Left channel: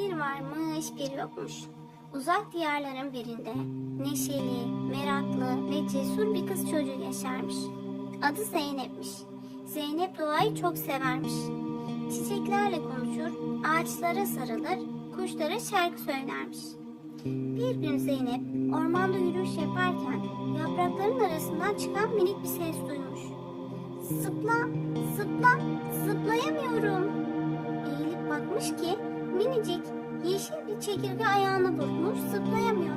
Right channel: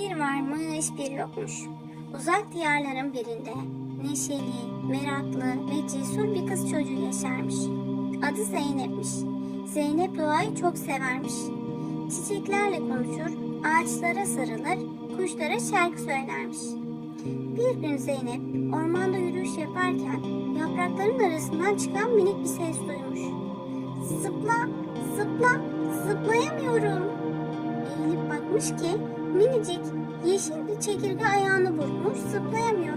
Bir varmış bir yokmuş. Uzak diyarların birinde neşeli, meraklı ve cesur bir kız çocuğu yaşarmış. Adı Zeynep'miş. Zeynep doğayı çok severmiş. Çiçeklerle konuşur, ağaçlara sarılır, kuşlara şarkı söylermiş. Bir gün Zeynep ormanda yürüyüş yaparken yaprakların arasından çıkan minik bir ses duymuş. Zıpla, zıpla, zıplayamıyorum. Eğilip bakmış ki minicik yeşil bir çekirge ayağını burkmuş zıplayamıyor.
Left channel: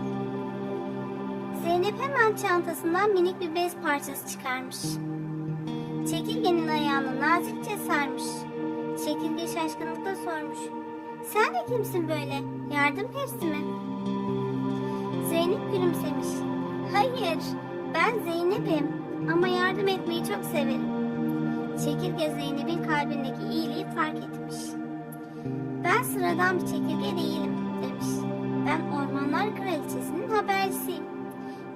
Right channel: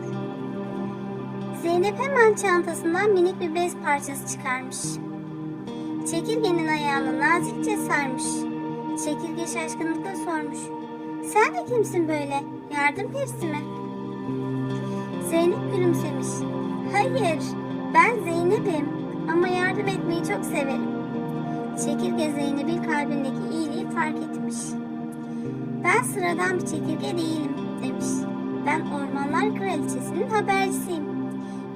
Zeynep hemen çantasından minik bir bez parçası çıkarmış. Çekirgenin ayağını nazikçe sarmış. Çekirge şaşkınlıkla sormuş. Sen de kimsin böyle? Yardım perisi mi? Zeynep gülümsemiş. Hayır, ben Zeynep'im ama yardım etmeyi çok severim. Çekirge Zeynep'in etmiş. Ben sıradan bir çekirge değilim demiş. Ben Ormanlar Kraliçesi'nin habercisiyim.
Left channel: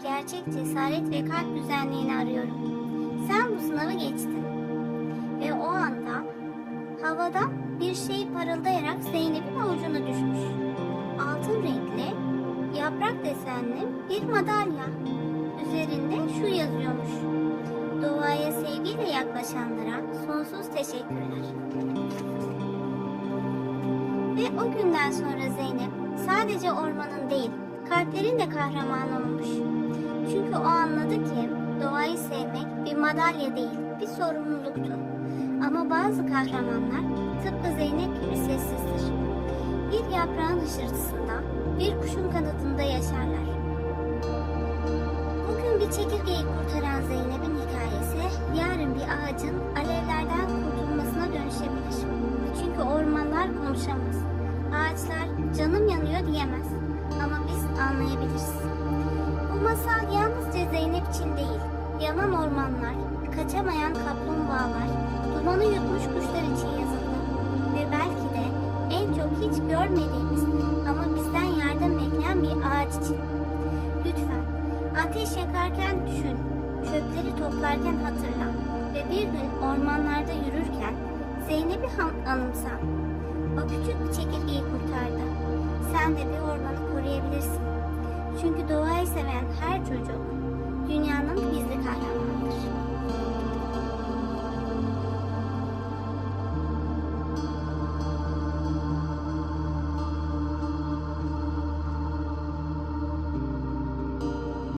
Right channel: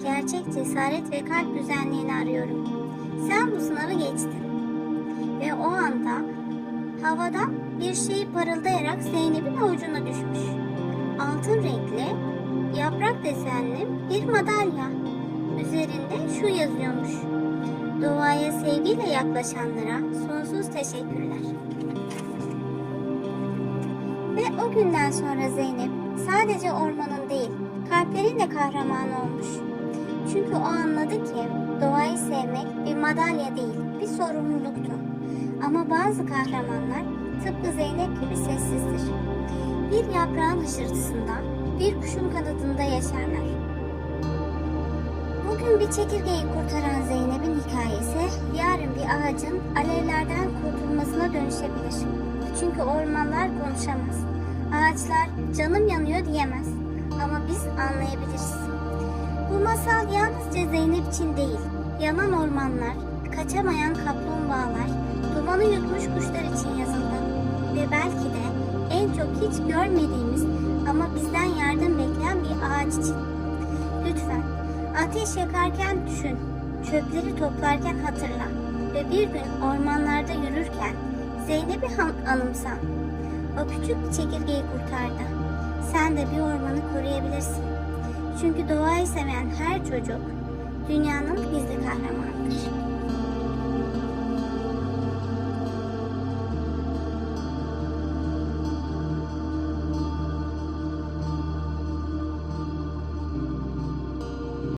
Gerçek cesaret ve kalp güzelliğini arıyorum. Sen bu sınavı geçtin. Ve o anda havada bir şey parıldayarak Zeynep'in avucuna düşmüş. Altın renkli, yaprak desenli bir madalya. Üzerinde şu yazıyormuş. Doğaya sevgiyle yaklaşanlara sonsuz teşekkürler. O günden sonra Zeynep sadece ormanın değil, kalplerin de kahramanı olmuş. Çünkü o anladı ki doğayı sevmek bir madalya değil, bir sorumluluktu. Ama bazı kahramanlar tıpkı Zeynep gibi sessizdir. Bir yaprağın hışırtısında, bir kuşun kanadında yaşarlar. Bugün bir çekirgeyi kurtaran Zeynep'in hikayesi yarın bir ağacın alevlerden kurtulmasına canım yanıyor diyemez. Ama biz anlayabiliriz. Bu masal yalnızca Zeynep için değil, yanan ormanlar, kaçamayan kaplumbağalar, dumanı yutmuş kuşlar için yazıldı. Ve belki de en çok hiç görmediğimiz ama bizden yardım bekleyen bir ağaç için. Lütfen ateş yakarken düşün, çöpleri toplarken hatırla ve bir gün ormanlarda yürürken Zeynep'i anımsan. O küçük bir çekirgeyi kurtardı. Sen de bir ormanı koruyabilirsin. Çünkü doğayı seven her çocuk dünyanın gizli kahramanıdır.